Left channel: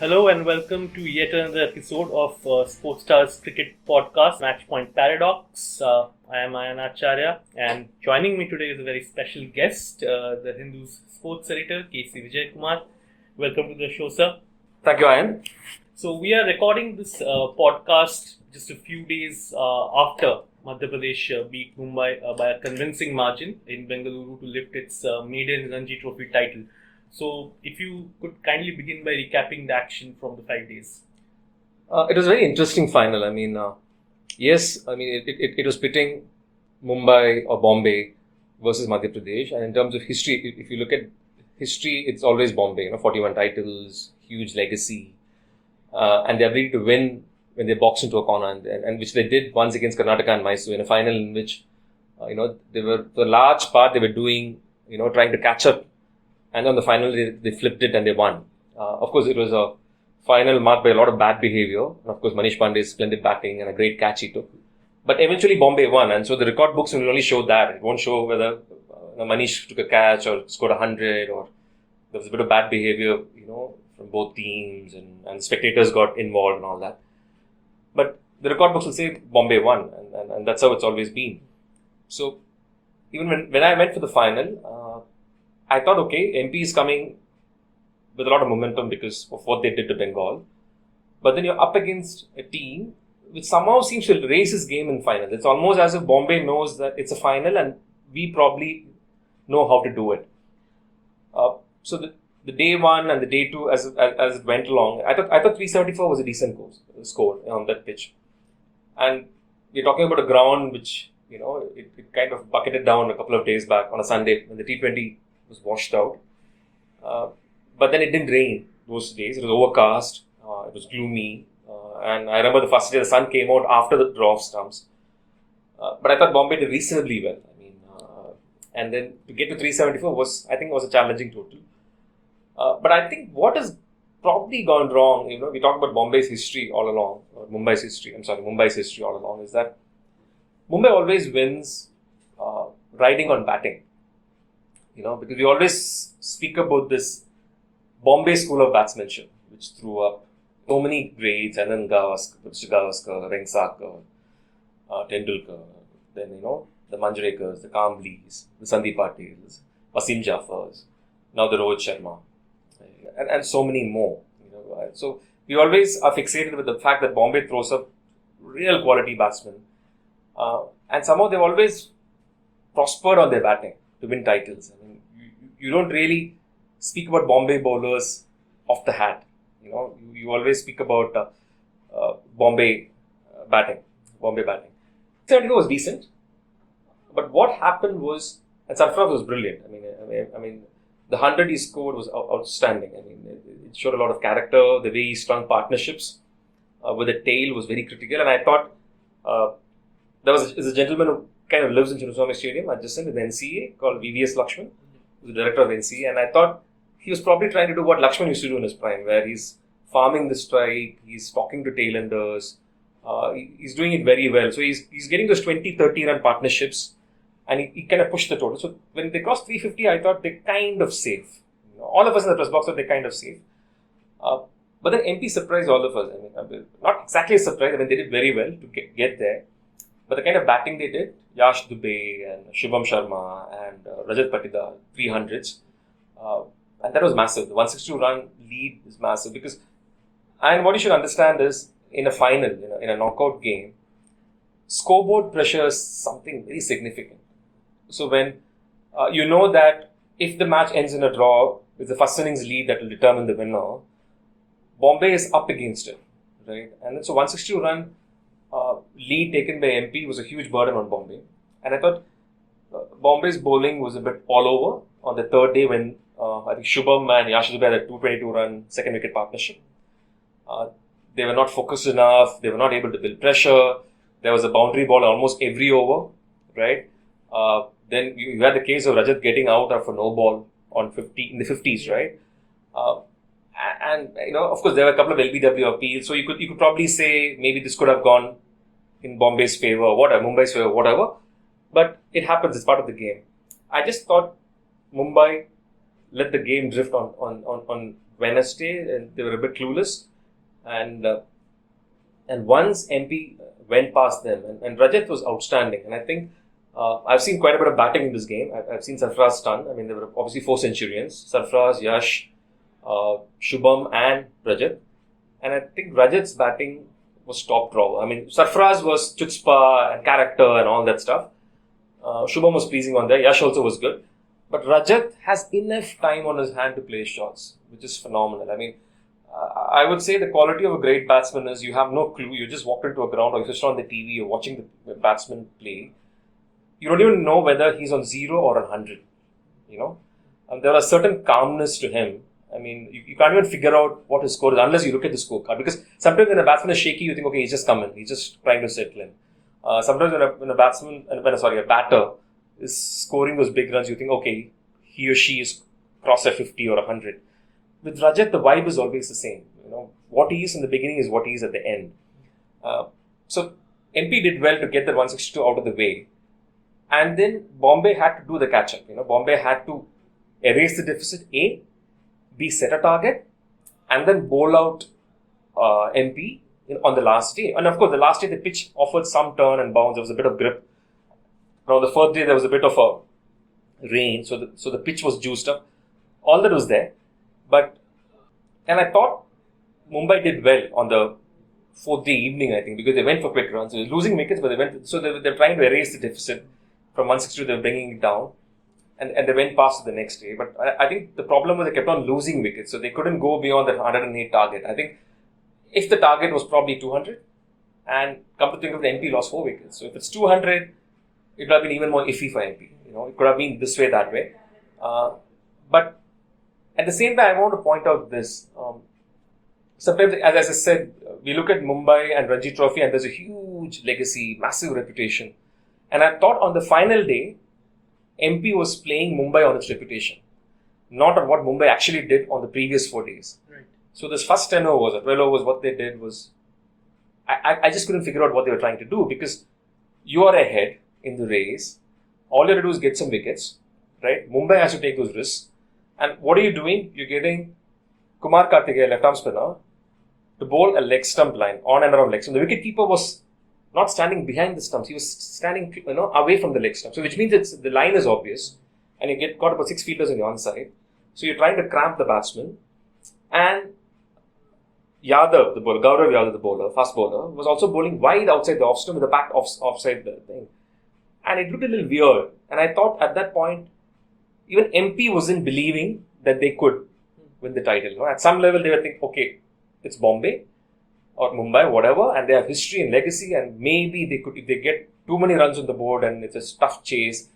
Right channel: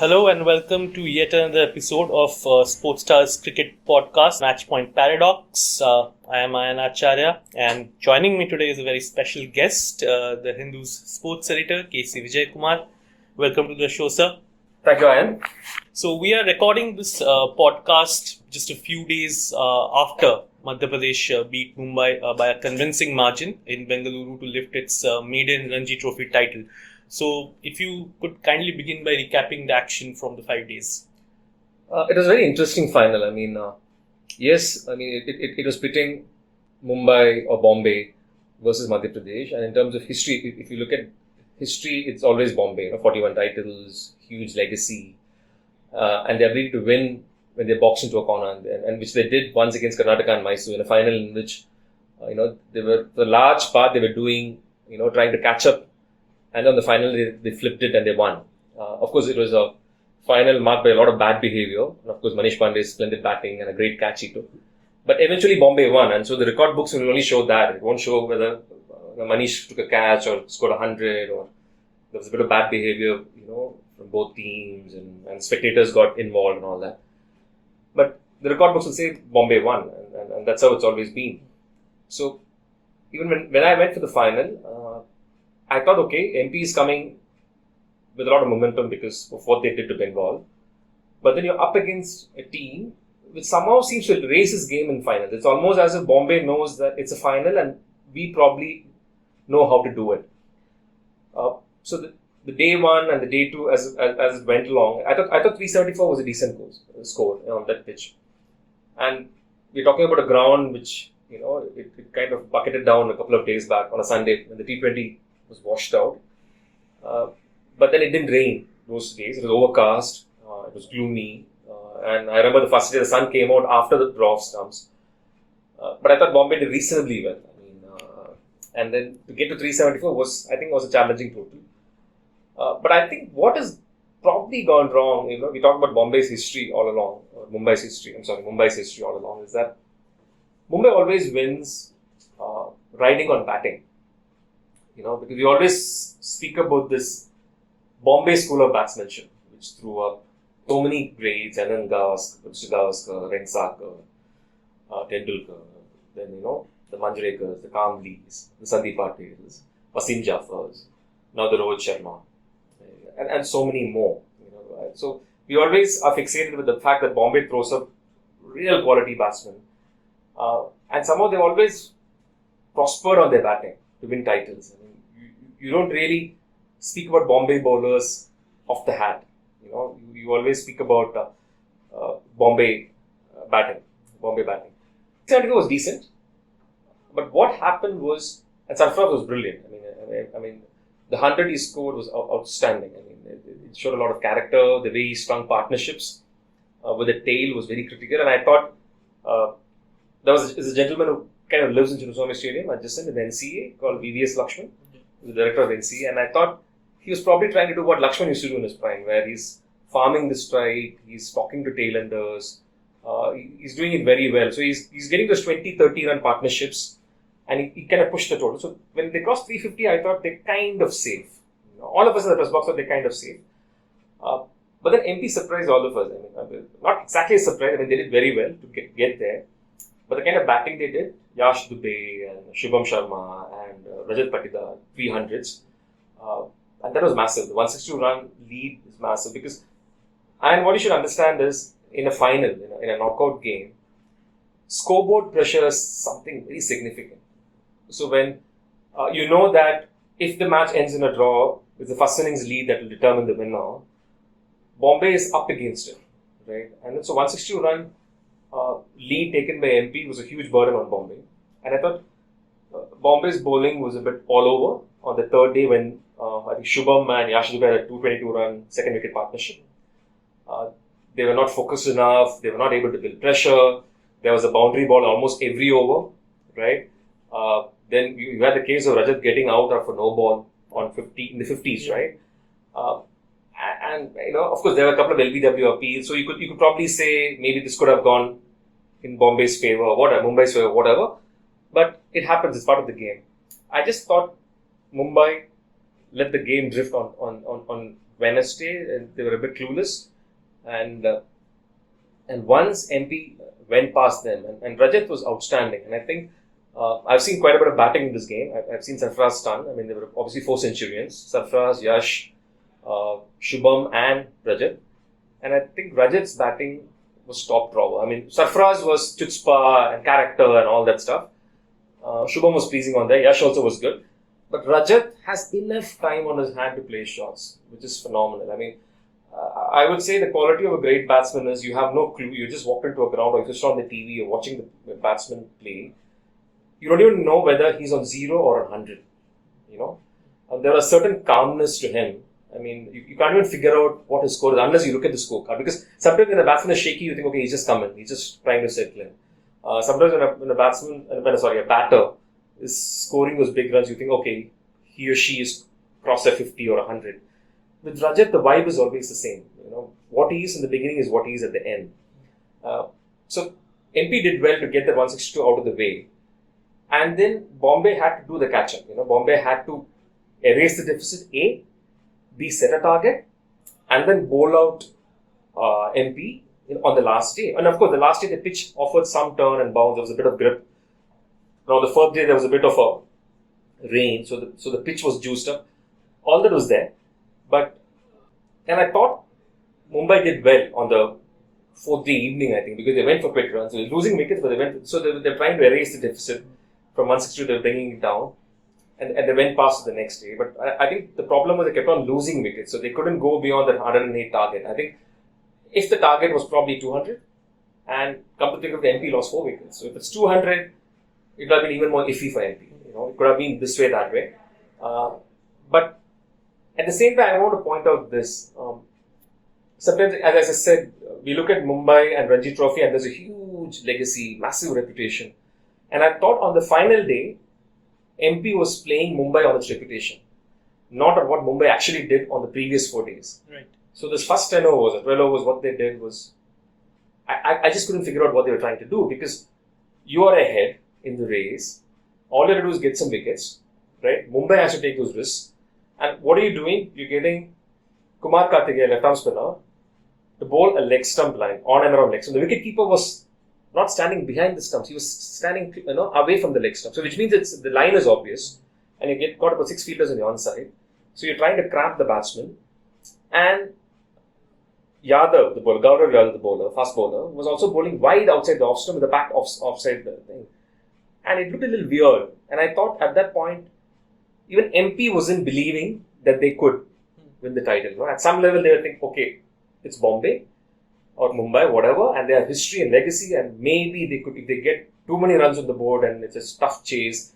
Hello and welcome to yet another episode of Sportstar's cricket podcast, Matchpoint Paradox. I am Ayan Acharya, and joining me today is a very special guest, the Hindu's sports editor, KC Vijaya Kumar. Welcome to the show, sir. Thank you, Ayan. So we are recording this podcast just a few days after Madhya Pradesh beat Mumbai by a convincing margin in Bengaluru to lift its maiden Ranji Trophy title. So, if you could kindly begin by recapping the action from the 5 days. It was a very interesting final. It was pitting Mumbai or Bombay versus Madhya Pradesh. And in terms of history, if you look at history, it's always Bombay. 41 titles, huge legacy, and the ability to win when they boxed into a corner, and which they did once against Karnataka and Mysore in a final in which, they were the large part they were doing, trying to catch up. And on the final, they flipped it and they won. Of course, it was a final marked by a lot of bad behavior. And of course, Manish Pandey's splendid batting and a great catch he took. But eventually, Bombay won. And so the record books will only show that. It won't show whether Manish took a catch or scored 100 or there was a bit of bad behavior, from both teams and spectators got involved and all that. But the record books will say Bombay won. And that's how it's always been. So even when I went for the final, I thought, okay, MP is coming with a lot of momentum because of what they did to Bengal. But then you're up against a team which somehow seems to raise his game in final. It's almost as if Bombay knows that it's a final and we probably know how to do it. So the day one and the day two, as it went along, I thought 374 was a decent score on that pitch. And you're talking about a ground which, it kind of bucketed down a couple of days back on a Sunday when the T20 was washed out. But then it didn't rain those days. It was overcast. It was gloomy. And I remember the first day the sun came out after the draw of stumps. But I thought Bombay did reasonably well. And then to get to 374 was a challenging total. But I think what has probably gone wrong, we talk about Bombay's history all along, or Mumbai's history all along, is that Mumbai always wins riding on batting. Because we always speak about this Bombay school of batsmanship, which threw up so many greats, Ayan, Gavaskar, Rensakar, Tendulkar, then, the Manjrekars, the Kamblis, the Sandeep Patels, Wasim Jafars, now the Rohit Sharma, and so many more. So we always are fixated with the fact that Bombay throws up real quality batsmen. And somehow they've always prospered on their batting to win titles. You don't really speak about Bombay bowlers off the hat. You always speak about Bombay batting. 74 was decent, but what happened was, and Sarfaraz was brilliant. The 100 he scored was outstanding. It showed a lot of character. The way he strung partnerships with the tail was very critical, and I thought there was a gentleman who kind of lives in Chinnaswamy Stadium adjacent with the NCA called VVS Lakshman, the director of NCA, and I thought he was probably trying to do what Lakshman used to do in his prime, where he's farming the strike, he's talking to tailenders, he's doing it very well. So he's getting those 20-30 run partnerships, and he kind of pushed the total. So when they crossed 350, I thought they're kind of safe. All of us in the press box thought they're kind of safe. But then MP surprised all of us. Not exactly a surprise. They did very well to get there. But the kind of batting they did, Yash Dubey and Shubham Sharma and Rajat Patidar, 300s. And that was massive. The 162 run lead is massive because, and what you should understand is, in a final, in a knockout game, scoreboard pressure is something very significant. So when that if the match ends in a draw, it's the first innings lead that will determine the winner, Bombay is up against it, right? And then so 162 run lead taken by MP was a huge burden on Bombay. And I thought Bombay's bowling was a bit all over on the third day when I think Shubham and Yash Dubey had a 222 run second wicket partnership. They were not focused enough. They were not able to build pressure. There was a boundary ball almost every over, right? Then you had the case of Rajat getting out of a no ball in the 50s, right? And of course, there were a couple of LBW appeals. So you could probably say maybe this could have gone in Bombay's favor, Mumbai's favor, whatever. But it happens. It's part of the game. I just thought Mumbai let the game drift on Wednesday, and they were a bit clueless. And once MP went past them, and Rajat was outstanding. And I think I've seen quite a bit of batting in this game. I've seen Sarfaraz stun. I mean, there were obviously 4 centurions: Sarfaraz, Yash, Shubham, and Rajat. And I think Rajat's batting was top drawer. I mean, Sarfaraz was chutzpah and character and all that stuff. Shubham was pleasing on there. Yash also was good. But Rajat has enough time on his hand to play shots, which is phenomenal. I mean, I would say the quality of a great batsman is you have no clue. You just walk into a ground or you're just on the TV, you're watching the batsman play. You don't even know whether he's on 0 or 100, you know. And there was a certain calmness to him. I mean, you can't even figure out what his score is unless you look at the scorecard. Because sometimes when a batsman is shaky, you think, okay, he's just coming. He's just trying to settle in. Sometimes when a batter is scoring those big runs, you think, okay, he or she is crossed at 50 or 100. With Rajat, the vibe is always the same. You know, what he is in the beginning is what he is at the end. So MP did well to get the 162 out of the way. And then Bombay had to do the catch-up. You know, Bombay had to erase the deficit, A, B, set a target, and then bowl out MP on the last day. And of course, the last day the pitch offered some turn and bounce. There was a bit of grip. Now the fourth day there was a bit of a rain, so the pitch was juiced up. All that was there, and I thought Mumbai did well on the 4th day evening. I think because they went for quick runs, so they were losing wickets, but they're trying to erase the deficit from 162. They're bringing it down. And they went past the next day. But I think the problem was they kept on losing wickets. So they couldn't go beyond that 108 target. I think if the target was probably 200, and come to think of it, MP lost 4 wickets. So if it's 200, it would have been even more iffy for MP. You know, it could have been this way, that way. But at the same time, I want to point out this. Sometimes, as I said, we look at Mumbai and Ranji Trophy and there's a huge legacy, massive reputation. And I thought on the final day, MP was playing Mumbai on its reputation, not on what Mumbai actually did on the previous 4 days. Right. So this first 10 overs, 12 overs, what they did was, I just couldn't figure out what they were trying to do because you are ahead in the race. All you have to do is get some wickets, right? Mumbai has to take those risks. And what are you doing? You're getting Kumar Karthikeya, left arm spinner, to bowl a leg stump line, on and around leg stump. The wicketkeeper was not standing behind the stumps. He was standing, away from the leg stump. So which means the line is obvious, and you got about 6 fielders on the onside. So you're trying to cramp the batsman. And Yadav, the bowler, Gaurav Yadav, the bowler, fast bowler, was also bowling wide outside the off stump with the back offside the thing. And it looked a little weird. And I thought at that point, even MP wasn't believing that they could win the title. You know? At some level, they were thinking, okay, it's Bombay or Mumbai, whatever, and they have history and legacy, and maybe they could, if they get too many runs on the board and it's a tough chase,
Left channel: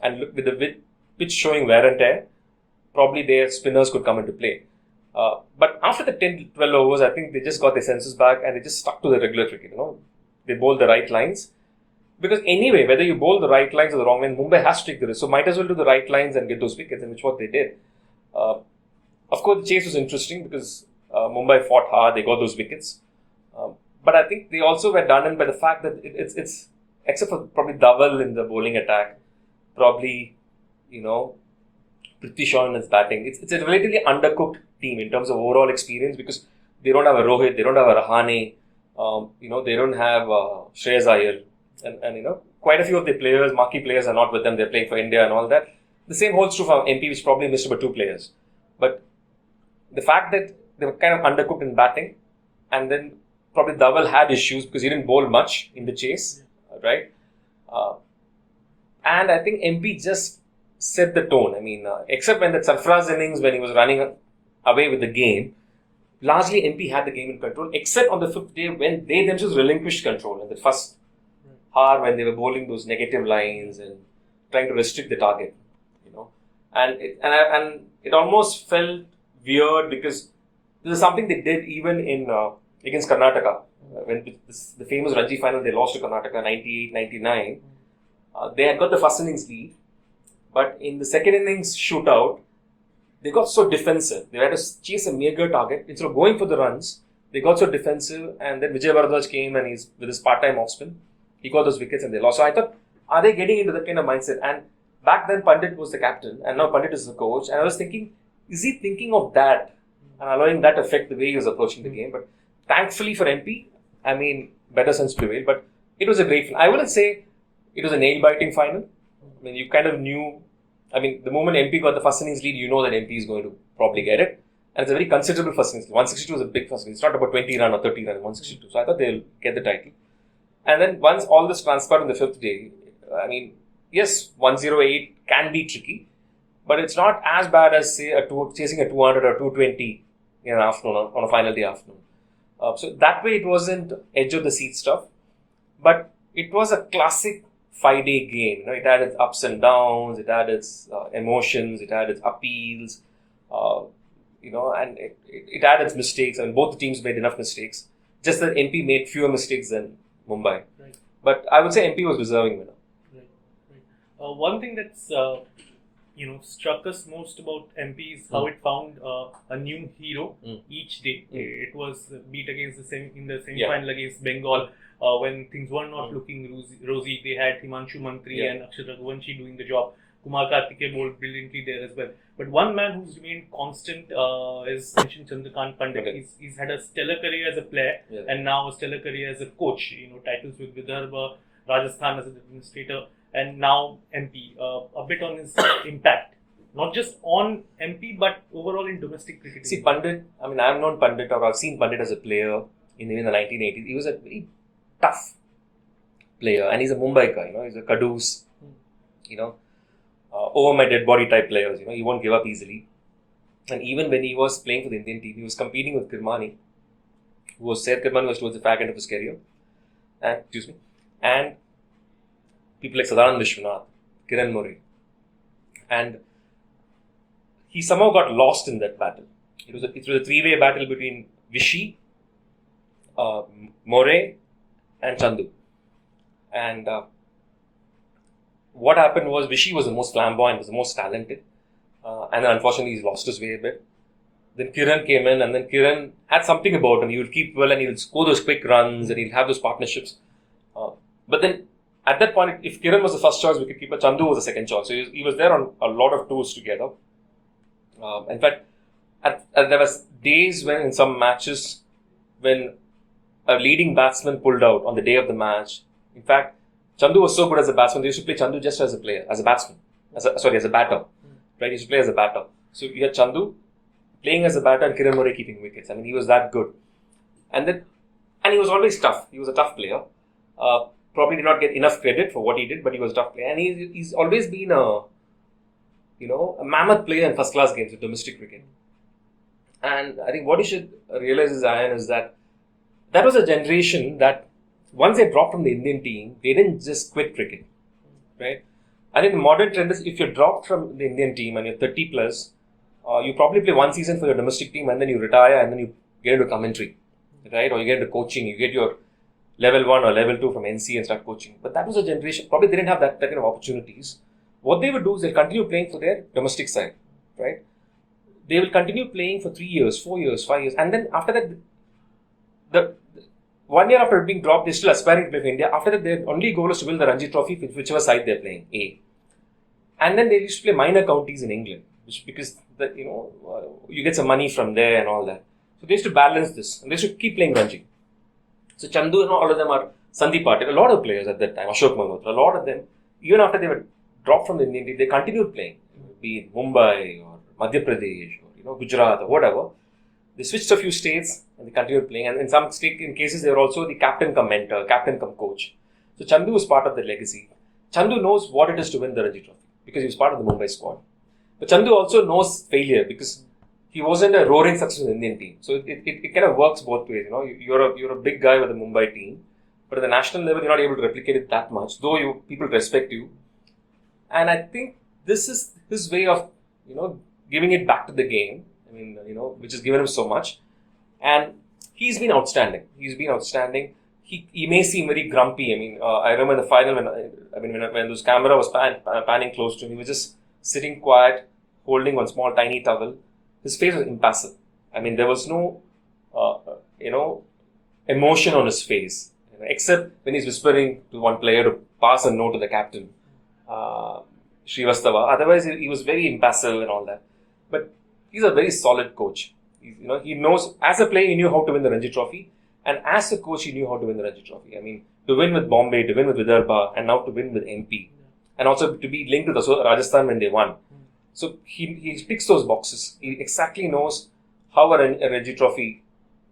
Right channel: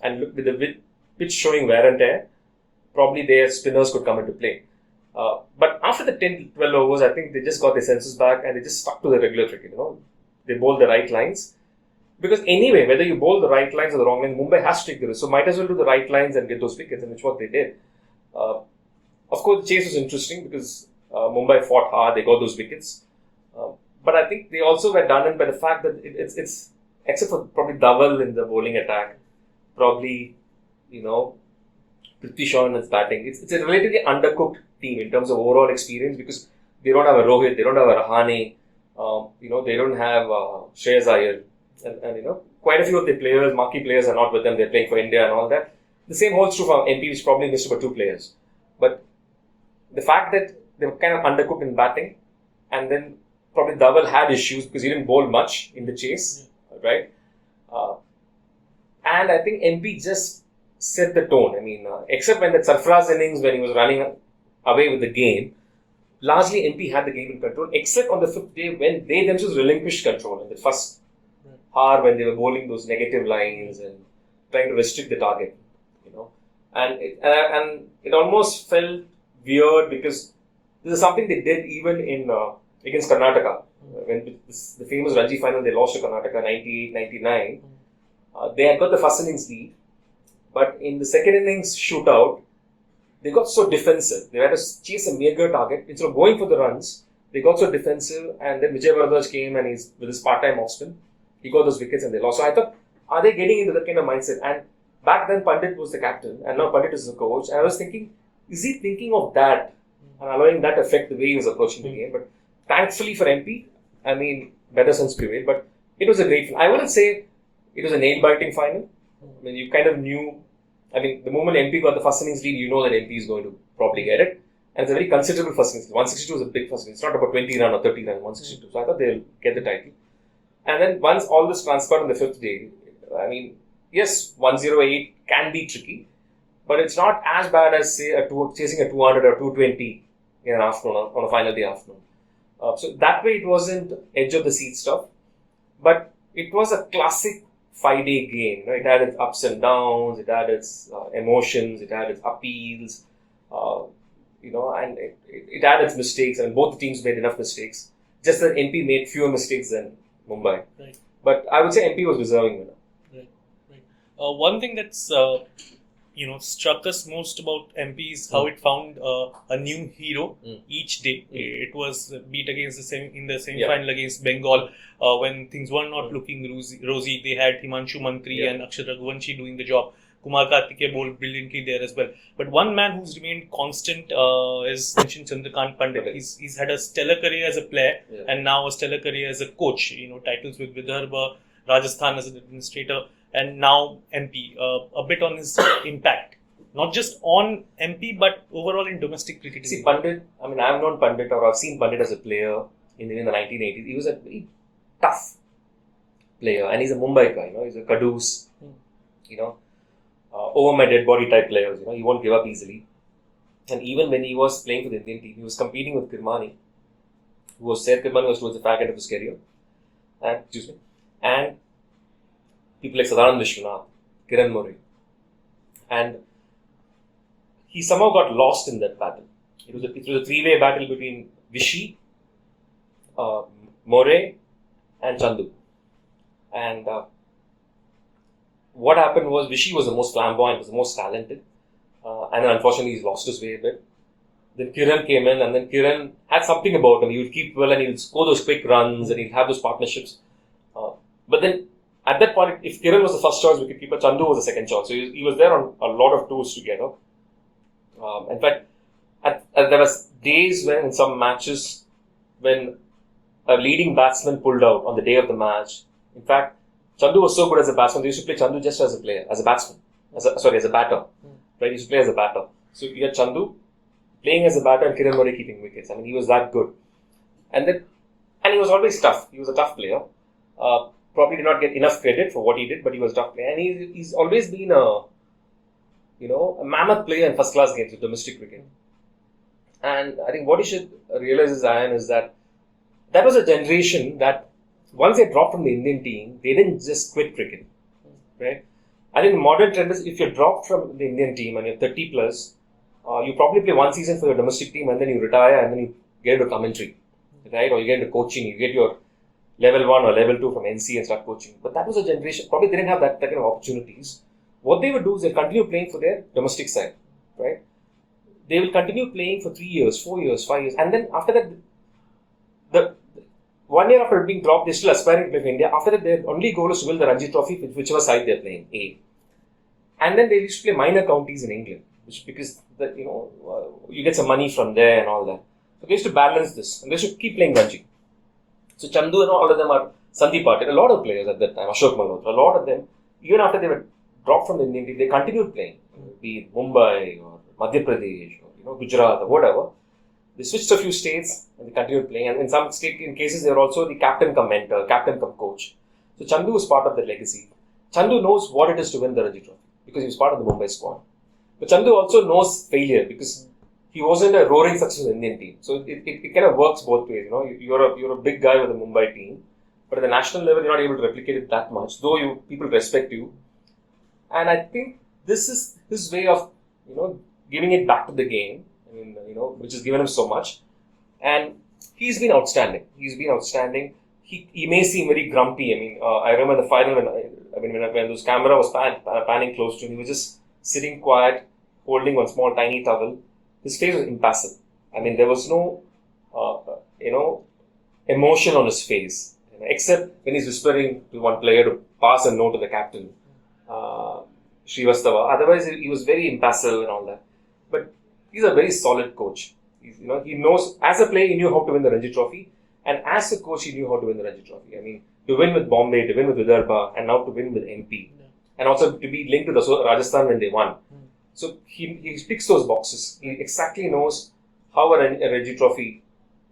and look with the pitch showing wear and tear, probably their spinners could come into play. But after the 10 to 12 overs, I think they just got their senses back and they just stuck to the regular cricket. You know, they bowled the right lines. Because anyway, whether you bowl the right lines or the wrong line, Mumbai has to take the risk. So might as well do the right lines and get those wickets, and which what they did. Of course, the chase was interesting because Mumbai fought hard. They got those wickets. But I think they also were done in by the fact that it's except for probably Dhaval in the bowling attack, probably, Prithvi Shaw in his batting. It's a relatively undercooked team in terms of overall experience because they don't have a Rohit, they don't have a Rahane, they don't have Shreyas Iyer. And quite a few of the players, marquee players, are not with them. They're playing for India and all that. The same holds true for MP, which probably missed about 2 players. But the fact that they were kind of undercooked in batting, and then probably Dhaval had issues because he didn't bowl much in the chase, right? And I think MP just set the tone. I mean, except when that Sarfaraz innings, when he was running away with the game, largely MP had the game in control, except on the 5th day when they themselves relinquished control in the first hour when they were bowling those negative lines and trying to restrict the target, and it almost felt weird because this is something they did even in against Karnataka when the famous Ranji final they lost to Karnataka 98-99. They had got the first innings lead, but in the second innings shootout they got so defensive. They had to chase a meager target instead of going for the runs. They got so defensive, and then Vijay Kumar came and he's with his part-time off spin. He got those wickets and they lost. So I thought, are they getting into that kind of mindset? And back then Pandit was the captain and now Pandit is the coach. And I was thinking, is he thinking of that and allowing that affect the way he was approaching the game. But thankfully for MP, I mean, better sense prevailed. But it was a great final. I wouldn't say it was a nail-biting final. I mean, you kind of knew. I mean, the moment MP got the first innings lead, you know that MP is going to probably get it. And it's a very considerable first innings. 162 was a big first innings. It's not about 20 run or 30 run, 162. So I thought they'll get the title. And then once all this transpired on the fifth day, I mean, yes, 108 can be tricky, but it's not as bad as, say, chasing a 200 or 220 in an afternoon, on a final day afternoon. So that way it wasn't edge of the seat stuff, but it was a classic 5-day game. You know, it had its ups and downs, it had its emotions, it had its appeals, and it had its mistakes. I mean, both teams made enough mistakes. Just that MP made fewer mistakes than Mumbai. Right. But I would say MP was deserving winner. Right. One thing that's struck us most about MP is how it found a new hero each day. It was beat against in the semi-final against Bengal when things were not looking rosy. They had Himanshu Mantri and Acharya doing the job. Kumar Karthike bowled brilliantly there as well. But one man who's remained constant is mentioned Chandrakant Pandit. Okay. He's had a stellar career as a player and now a stellar career as a coach. Titles with Vidarbha, Rajasthan as an administrator, and now MP. A bit on his impact, not just on MP but overall in domestic cricket. See, Pandit. I mean, I've known Pandit, or I've seen Pandit as a player in the 1980s. He was a very tough player, and he's a Mumbai guy. He's a caduce. Over my dead body type players. He won't give up easily. And even when he was playing for the Indian team, he was competing with Kirmani, who was said Kirmani was towards the fag end of his career. And people like Sadanand Vishwanath, Kiran Murray. And he somehow got lost in that battle. It was a 3-way battle between Vishy, Murray, and Chandu. And what happened was Vishy was the most flamboyant, was the most talented. And then unfortunately he's lost his way a bit. Then Kiran came in, and then Kiran had something about him. He would keep well and he would score those quick runs and he'd have those partnerships. But then at that point, if Kiran was the first choice wicketkeeper, Chandu was the second choice. So he was there on a lot of tours together. In fact, there was days when in some matches, when a leading batsman pulled out on the day of the match. In fact, Chandu was so good as a batsman, they used to play Chandu just as a player, as a batsman. As a batter. Right? He used to play as a batter. So you had Chandu playing as a batter and Kiran Murray keeping wickets. I mean, he was that good. And he was always tough. He was a tough player. Probably did not get enough credit for what he did, but he was a tough player. And he's always been a mammoth player in first-class games of domestic cricket. And I think what you should realize is, Ayan, is that was a generation that once they dropped from the Indian team, they didn't just quit cricket, right? I think the modern trend is if you're dropped from the Indian team and you're 30 plus, you probably play one season for your domestic team and then you retire and then you get into commentary, right? Or you get into coaching, you get your level 1 or level 2 from NC and start coaching. But that was a generation, probably they didn't have that kind of opportunities. What they would do is they'll continue playing for their domestic side, right? They will continue playing for 3 years, 4 years, 5 years, and then after that, the 1 year after being dropped, they're still aspiring to play for India. After that, their only goal is to win the Ranji Trophy, whichever side they're playing, A. And then they used to play minor counties in England, because you get some money from there and all that. So they used to balance this, and they used to keep playing Ranji. So Chandu and all of them are Sandeep Patil, a lot of players at that time, Ashok Malhotra, a lot of them, even after they were dropped from the Indian team, they continued playing, be it Mumbai or Madhya Pradesh or Gujarat or whatever. They switched a few states and they continued playing. And in some cases, they were also the captain cum mentor, captain cum coach. So Chandu was part of the legacy. Chandu knows what it is to win the Ranji Trophy because he was part of the Mumbai squad. But Chandu also knows failure because he wasn't a roaring success in the Indian team. So it kind of works both ways. You're a big guy with the Mumbai team, but at the national level, you're not able to replicate it that much, though people respect you. And I think this is his way of, giving it back to the game. I mean, which has given him so much. And he's been outstanding. He may seem very grumpy. I mean, I remember the final when those camera was panning close to him, he was just sitting quiet, holding one small tiny towel. His face was impassive. I mean, there was no, emotion on his face, except when he's whispering to one player to pass a note to the captain, Srivastava. Otherwise, he was very impassive and all that. But he's a very solid coach. He knows, as a player, he knew how to win the Ranji Trophy. And as a coach, he knew how to win the Ranji Trophy. I mean, to win with Bombay, to win with Vidarbha, and now to win with MP. And also to be linked to the Rajasthan when they won. So he ticks those boxes. He exactly knows how a Ranji Trophy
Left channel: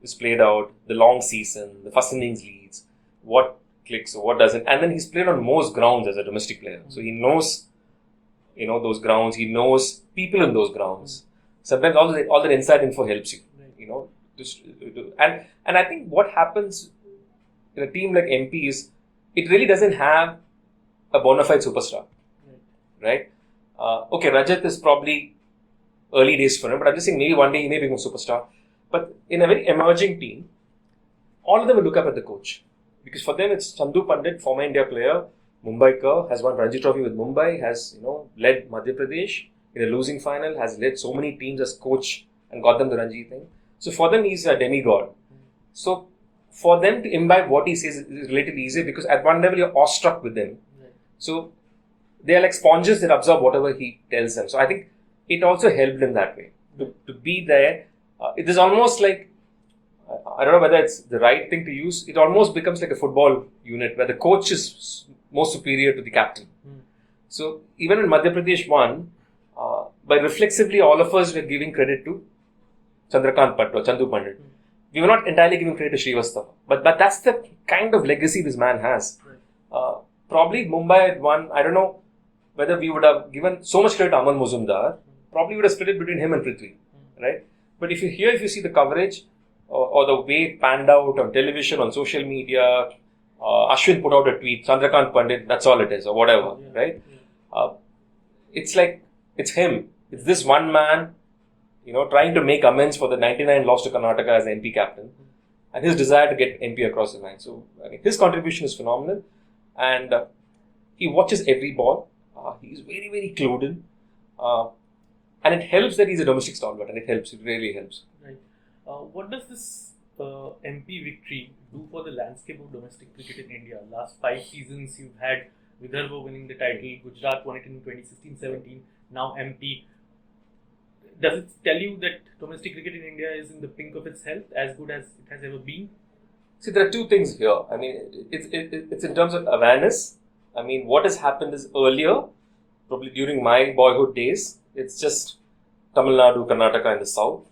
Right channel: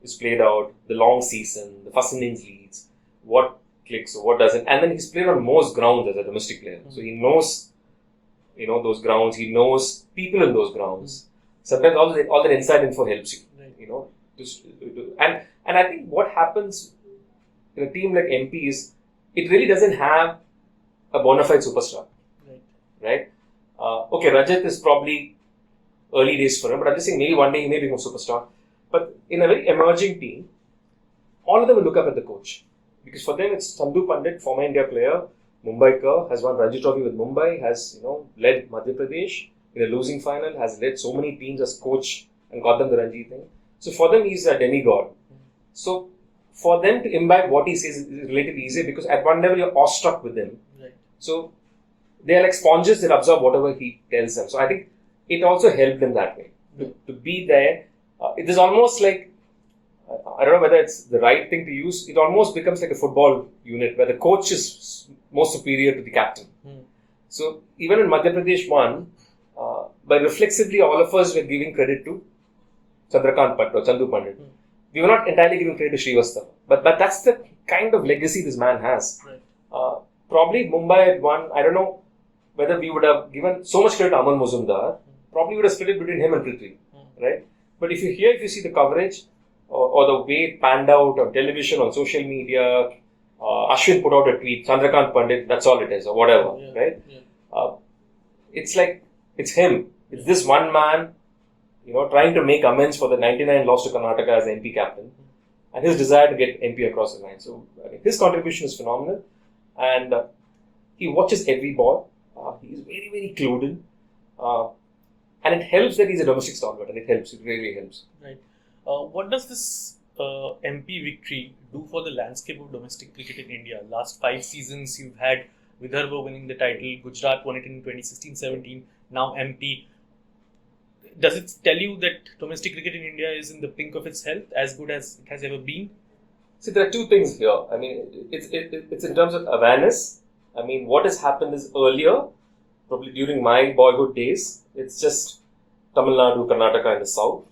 is played out, the long season, the first innings leads, what clicks or what doesn't. And then he's played on most grounds as a domestic player. So he knows, those grounds. He knows people in those grounds. Sometimes all that inside info helps you, and I think what happens in a team like MP is it really doesn't have a bona fide superstar, right? Okay, Rajat is probably early days for him, but I'm just saying maybe one day he may become a superstar. But in a very emerging team, all of them will look up at the coach because for them it's Chandrakant Pandit, former India player, Mumbaikar, has won Ranji Trophy with Mumbai, has led Madhya Pradesh in a losing final, has led so many teams as coach and got them the Ranji thing. So for them, he's a demigod. So for them to imbibe what he says is relatively easy because at one level you're awestruck with him. Right. So they are like sponges that absorb whatever he tells them. So I think it also helped him that way to be there. It is almost like, I don't know whether it's the right thing to use. It almost becomes like a football unit where the coach is more superior to the captain. So even when Madhya Pradesh won, but reflexively all of us were giving credit to Chandrakant Pandit or Chandu Pandit. We were not entirely giving credit to Srivastava. But that's the kind of legacy this man has. Right. Probably Mumbai had won, I don't know whether we would have given so much credit to Aman Muzumdar. Probably would have split it between him and Prithvi. Right? But if you see the coverage or the way it panned out on television, on social media, Ashwin put out a tweet, Chandrakant Pandit, that's all it is, or whatever, right? Yeah. It's like, it's him. It's this one man, trying to make amends for the 99 loss to Karnataka as the MP captain and his desire to get MP across the line. So, his contribution is phenomenal and he watches every ball. He's very, very clued in. And it helps that he's a domestic stalwart and it really helps. Right. What does this MP victory do for the landscape of domestic cricket in India? Last 5 seasons, you've had Vidarbha winning the title, Gujarat won it in 2016-17, now MP. Does it tell you that domestic cricket in India is in the pink of its health, as good as it has ever been? See, there are two things here. I mean, it's in terms of awareness. I mean, what has happened is earlier, probably during my boyhood days, it's just Tamil Nadu, Karnataka in the south,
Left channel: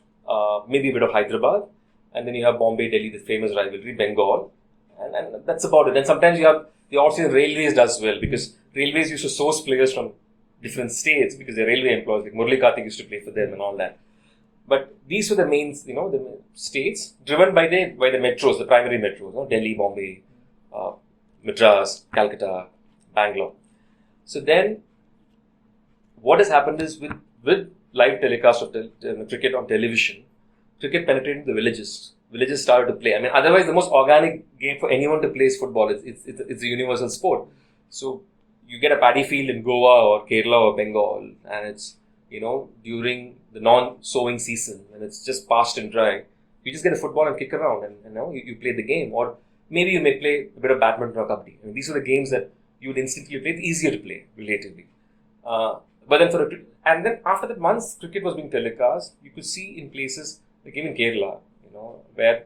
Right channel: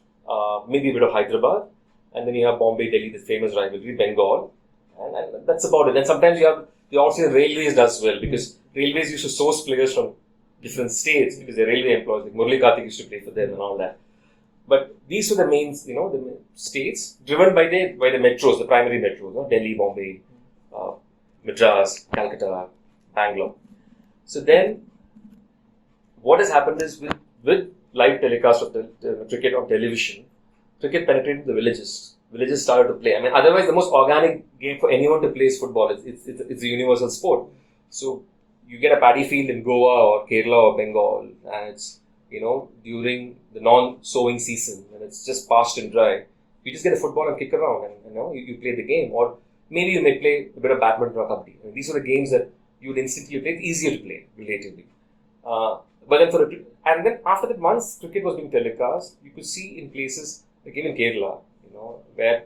maybe a bit of Hyderabad, and then you have Bombay, Delhi, the famous rivalry, Bengal, and that's about it. And sometimes you have the off-season Railways does well because Railways used to source players from different states because they're railway employees, like Murali Karthik used to play for them and all that. But these were the main, the states driven by the metros, the primary metros, Delhi, Bombay, Madras, Calcutta, Bangalore. So then, what has happened is with live telecast of cricket on television, cricket penetrated the villages. Villages started to play. I mean, otherwise, the most organic game for anyone to play is football. It's a universal sport. So you get a paddy field in Goa or Kerala or Bengal, and it's during the non-sowing season, and it's just parched and dry. You just get a football and kick around, and you play the game. Or maybe you may play a bit of badminton or kabaddi. I mean, these are the games that you would instantly play. It's easier to play relatively. But then and then after that, once cricket was being telecast, you could see in places like even Kerala, where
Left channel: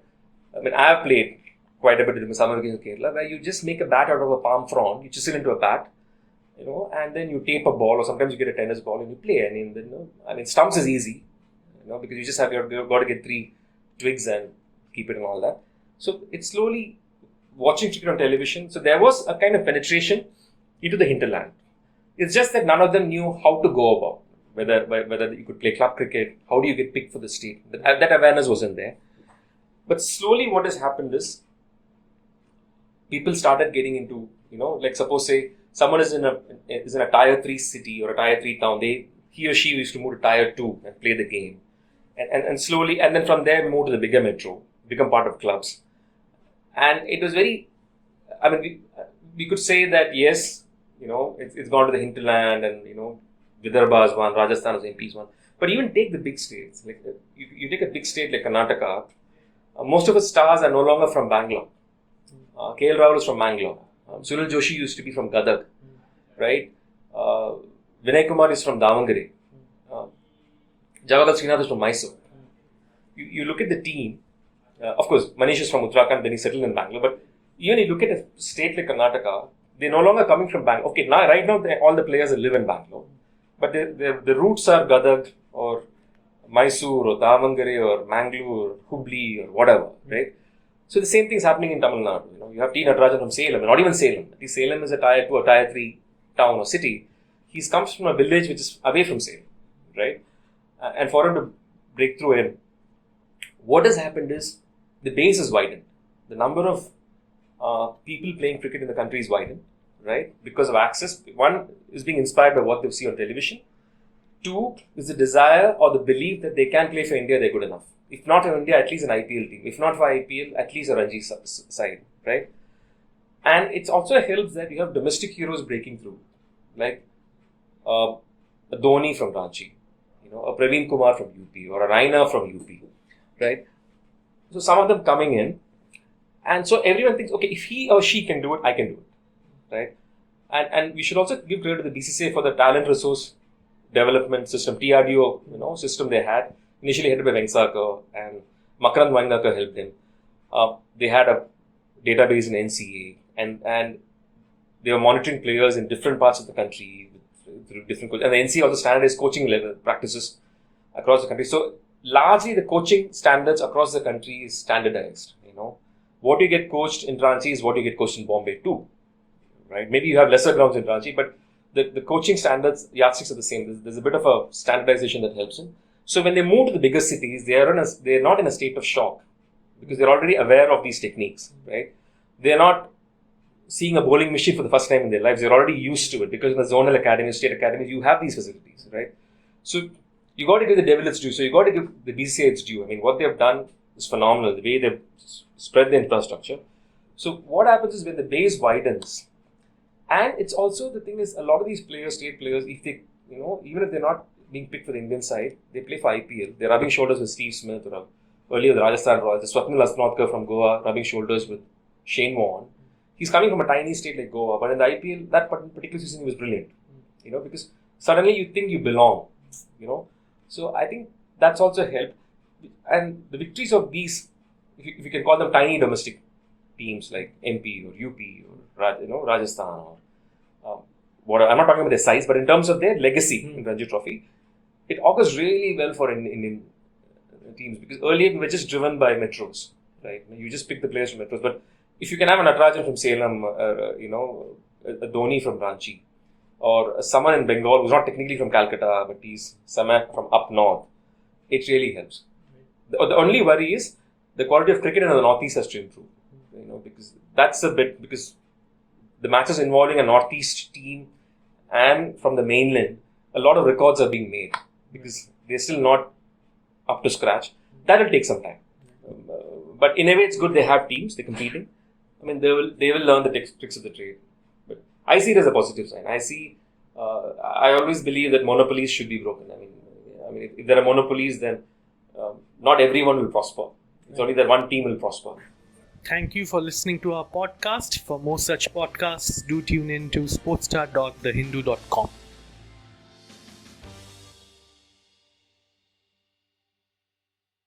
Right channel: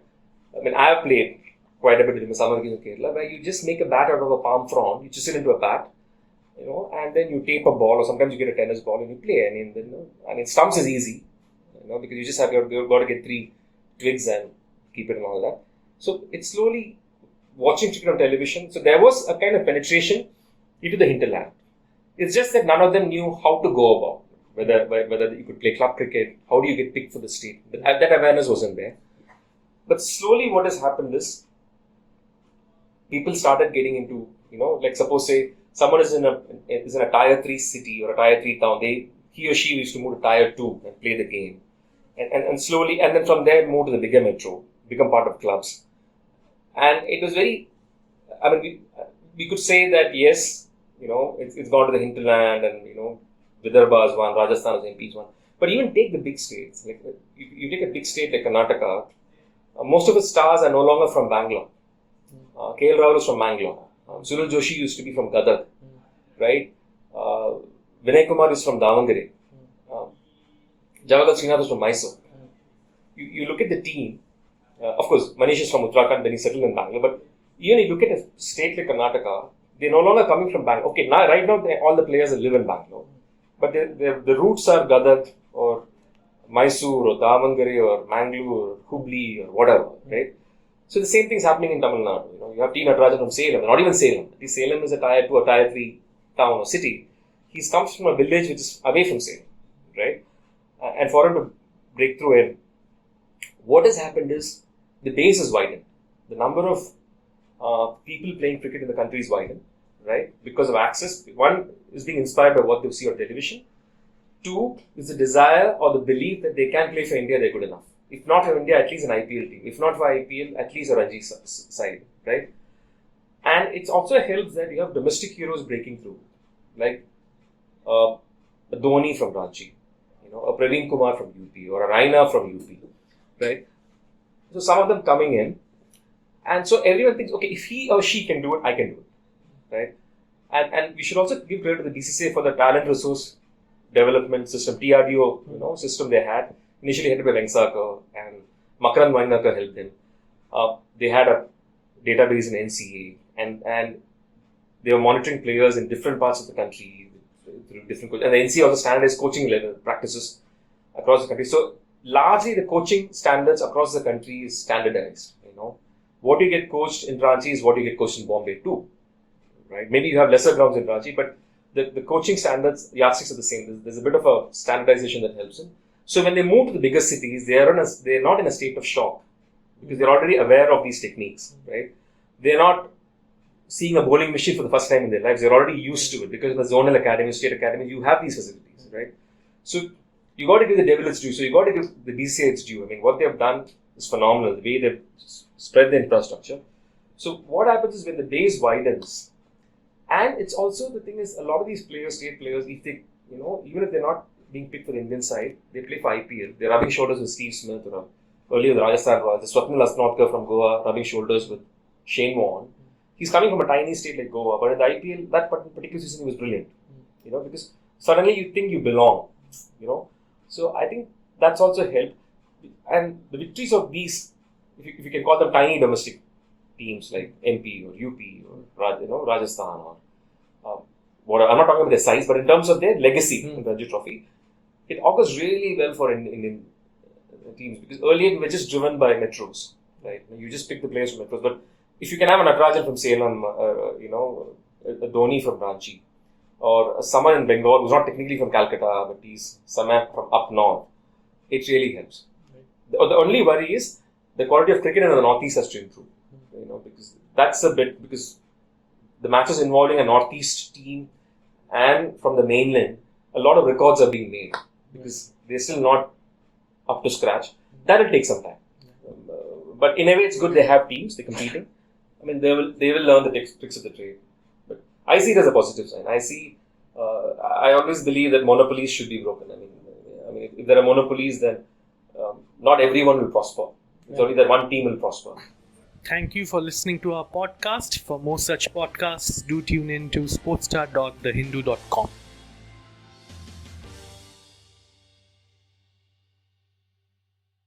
I have played quite a bit in the summer games in Kerala, where you just make a bat out of a palm frond, you chisel into a bat, and then you tape a ball, or sometimes you get a tennis ball and you play. I mean, stumps is easy, because you just you've got to get 3 twigs and keep it and all that. So it's slowly watching cricket on television. So there was a kind of penetration into the hinterland. It's just that none of them knew how to go about whether you could play club cricket, how do you get picked for the state. That awareness wasn't there. But slowly what has happened is people started getting into, like suppose say someone is in a tier 3 city or a tier 3 town, he or she used to move to tier 2 and play the game. And slowly, and then from there move to the bigger metro, become part of clubs. And it was very, we could say that yes, it's gone to the hinterland and, Vidarbha is one, Rajasthan is MP's one. But even take the big states, like you take a big state like Karnataka, most of its stars are no longer from Bangalore. KL Rahul is from Bangalore. Sunil Joshi used to be from Gadag, right? Vijaya Kumar is from Davangere. Javagal Srinath is from Mysore. you look at the team. Of course, Manish is from Uttarakhand, then he settled in Bangalore. But even you look at a state like Karnataka, they're no longer coming from Bangalore. Okay, now right now all the players live in Bangalore, but the roots are Gadag or Mysore or Davangere or Mangalore or Hubli or whatever, right? So the same thing's happening in Tamil Nadu. You have T. Natarajan from Salem, not even Salem. Salem is a tier 2 or tier 3 town or city. He comes from a village which is away from Salem, right? And for him to break through it, what has happened is the base is widened. The number of people playing cricket in the country is widened, right? Because of access. One is being inspired by what they see on television. Two is the desire or the belief that they can play for India, they're good enough. If not for India, at least an IPL team. If not for IPL, at least a Ranji side, right? And it also helps that you have domestic heroes breaking through, like a Dhoni from Ranchi, a Praveen Kumar from UP or a Raina from UP, right? So some of them coming in, and so everyone thinks, okay, if he or she can do it, I can do it, right? And we should also give credit to the BCCI for the talent resource development system, TRDO, system they had. Initially headed by Vengsakar, and Makaran Vainakar helped them. They had a database in NCA, and they were monitoring players in different parts of the country through different coaches. And the NCA also standardized coaching level practices across the country. So largely the coaching standards across the country is standardized. What you get coached in Ranchi is what you get coached in Bombay too, right? Maybe you have lesser grounds in Ranchi, but the coaching standards, yardsticks are the same. There's a bit of a standardization that helps them. So when they move to the bigger cities, they're not in a state of shock because they're already aware of these techniques, right? They're not seeing a bowling machine for the first time in their lives. They're already used to it because in the zonal academy, state academy, you have these facilities, right? So you got to give the devil its due. So you got to give the BCCI its due. I mean, what they've done is phenomenal. The way they've spread the infrastructure. So what happens is when the base widens, and it's also the thing is a lot of these players, state players, if they, even if they're not being picked for the Indian side, they play for IPL. They're rubbing shoulders with Steve Smith or earlier the Rajasthan Royals, the Swapnil Asnatkar from Goa rubbing shoulders with Shane Warne. He's coming from a tiny state like Goa, but in the IPL, that particular season he was brilliant. Because suddenly you think you belong. So I think that's also helped. And the victories of these, if you can call them tiny domestic teams like MP or UP or Rajasthan or whatever. I'm not talking about their size, but in terms of their legacy in Ranji Trophy, it augurs really well for Indian teams because earlier we were just driven by metros, right? You just pick the players from metros, but if you can have an Natarajan from Salem, a Dhoni from Ranchi, or someone in Bengal who's not technically from Calcutta, but he's someone from up north, it really helps. The only worry is the quality of cricket in the Northeast has to improve, because that's a bit, because the matches involving a Northeast team and from the mainland, a lot of records are being made because they're still not up to scratch. That will take some time. But in a way, it's good they have teams, they're competing. I mean, they will learn the tricks of the trade. But I see it as a positive sign. I always believe that monopolies should be broken. I mean, if there are monopolies, then not everyone will prosper. It's only that one team will prosper. Thank you for listening to our podcast. For more such podcasts, do tune in to sportstar.thehindu.com.